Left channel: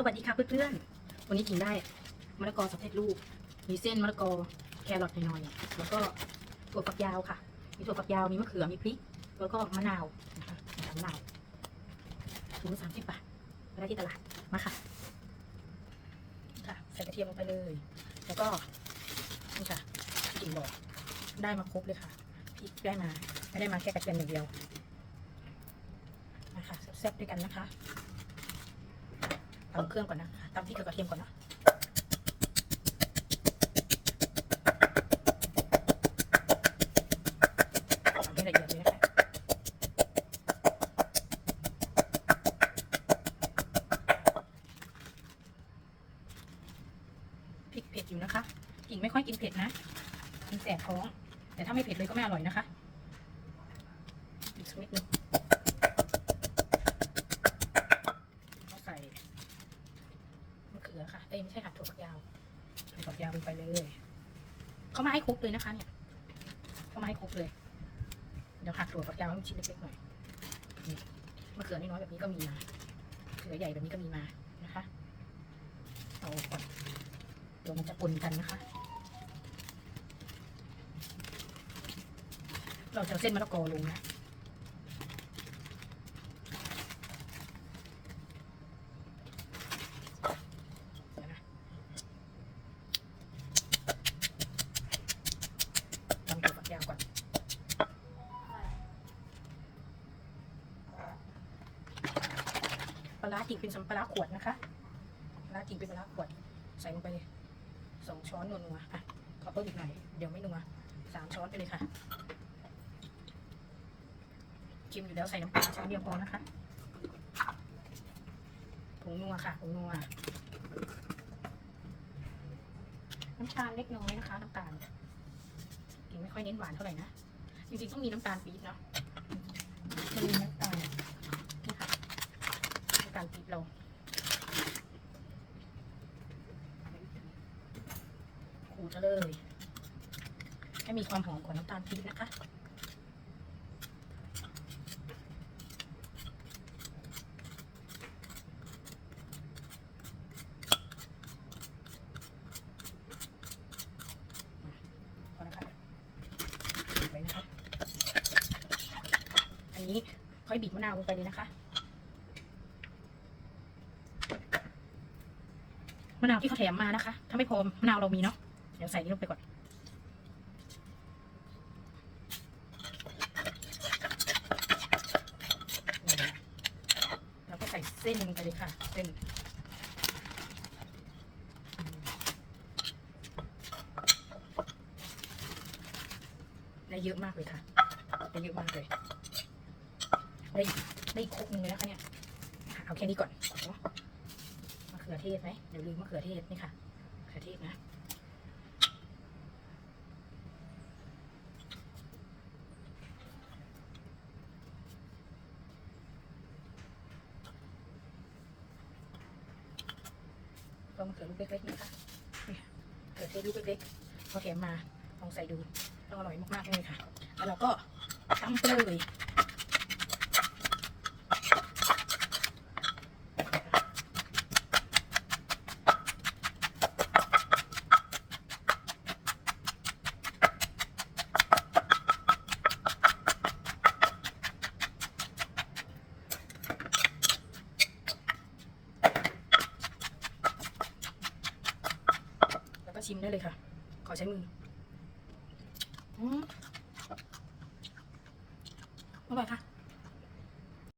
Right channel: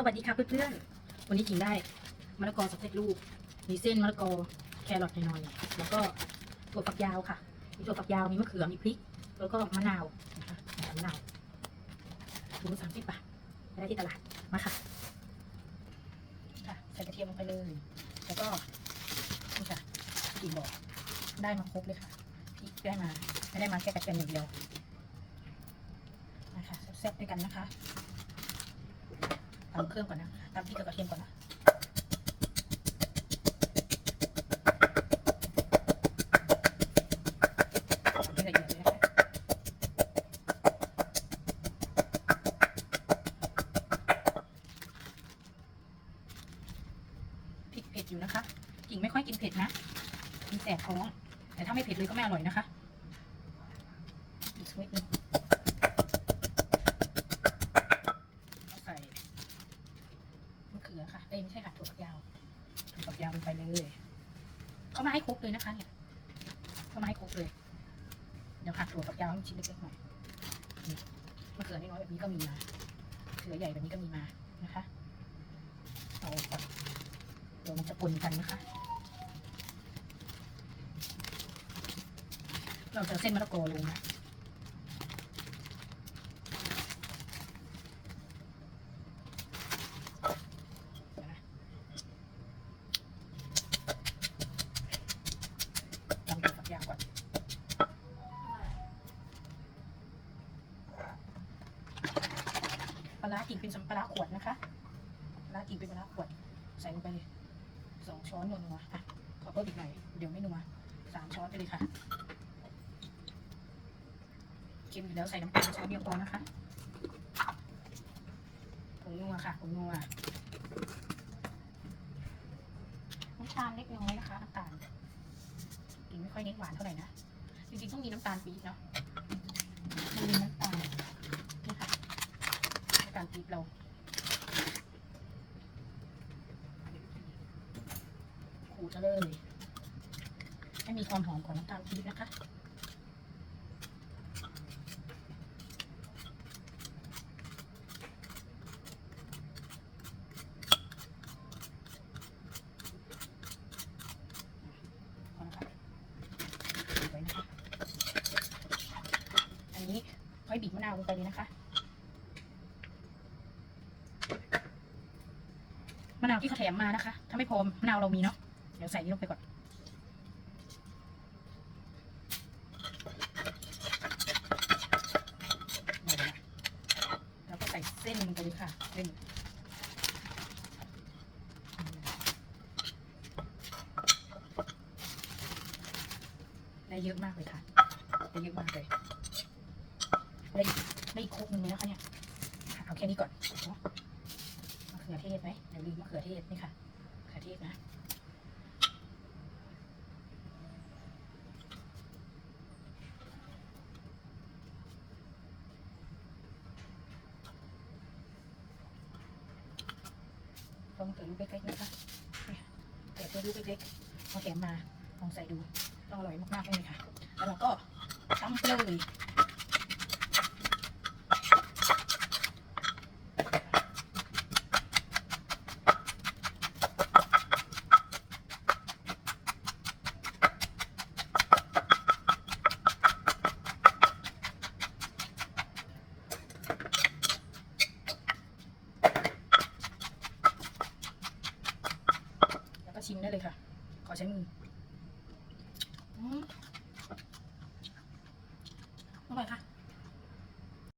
สวัสดีค่ะเพื่อนๆ วันนี้กินได้มะละกอสำเร็จรูป มีเส้นมะละกอแครอทหน่อยๆแล้วก็ถั่วฝักยาวค่ะ มีถั่วฝักยาว มีมะเขือ มีพริก แล้วก็มะนาวนะคะมะนาวถุงละสามสิบบาทไปได้ที่ตลาด มาค่ะ ค่ะ ใส่กระเทียมลงไปเลย แล้วก็นี่ค่ะที่กินบอกได้มาครบเลยค่ะ พริกได้มา ไม่ได้มาแค่กระเทียมอย่างเดียว นะคะแซ่บด้วยกันนะคะำเครื่องก่อนนะตำพริกกับกระเทียมก่อนนะตำให้ละเอียดเลยนะคะพริกเผ็ดอยู่นะคะกิ่งไม่ค่อยกินเผ็ดนะมันแสบท้อง แต่ถ้าไม่เผ็ดเลยก็ไม่อร่อยนะคะอีกสักนิดนึง ถั่วฝักยาวลงไปเลยเขามาให้ครบเลยนะคะเนี่ยเขามาให้ครบเลย เดี๋ยวหักถั่วฝักยาวให้มันชิ้นเล็กๆหน่อยมะเขือน้อยๆแบบนี้ก็มีมาเขือใหญ่แบบนี้ก็มีมานะคะเอาก่อนเดี๋ยวมันจะปนกันนะคะ เราจะเอาเส้นมะละกอลงนะ ลาร้ากิ่งเป็นสำปลาร้าขวดนะคะปลาร้ากิ่งเป็นปลาร้าขวด ใส่ลงไปเลยสองช้อนนัวๆอะขอเพิ่มอีกหน่อย เดี๋ยวไม่นัวสามช้อนไปเลยค่ะชิมอยู่แล้วใส่น้ำปลาช้อนเดียวพอนะคะผงนัวค่ะผงนัวน้ำตาลเล็กน้อยนะคะน้ำตาลกินไม่ค่อยเน้นหวานเท่าไหร่นะ จริงๆต้องมีน้ำตาลปี๊บเนาะมีน้ำตาล น้ำตาลปี๊บเราขูดเอาเลย ให้มีความหอมของน้ำตาลปี๊บนะคะพอแล้วค่ะไว้นะคะอันนี้ค่อยบีบมะนาวลงไปเลยนะคะ มะนาวที่เขาแถมมานะคะถ้าไม่พอมะนาวเรามีเนาะเดี๋ยวใส่นี้ลงไปก่อนแล้วก็ใส่เส้นลงไปเลยค่ะเส้นได้เยอะมากเลยค่ะได้เยอะมากเลย ได้ได้ครกหนึ่งเลยนะคะเนี่ย เอาแค่นี้ก่อน ขือเทศไหมเดี๋ยวลืมมะเขือเทศนี่ค่ะมะเขือเทศนะก็มะเขือลูกเล็กๆนะคะเนี่ยมะเขือเทศลูกเล็กๆพอแกะมาลองใส่ดูต้องอร่อยมากๆเลยค่ะ แล้วเราก็ตั้งไปเลย มได้เลยค่ะ ขอใช้มืออืมอร่อยค่ะ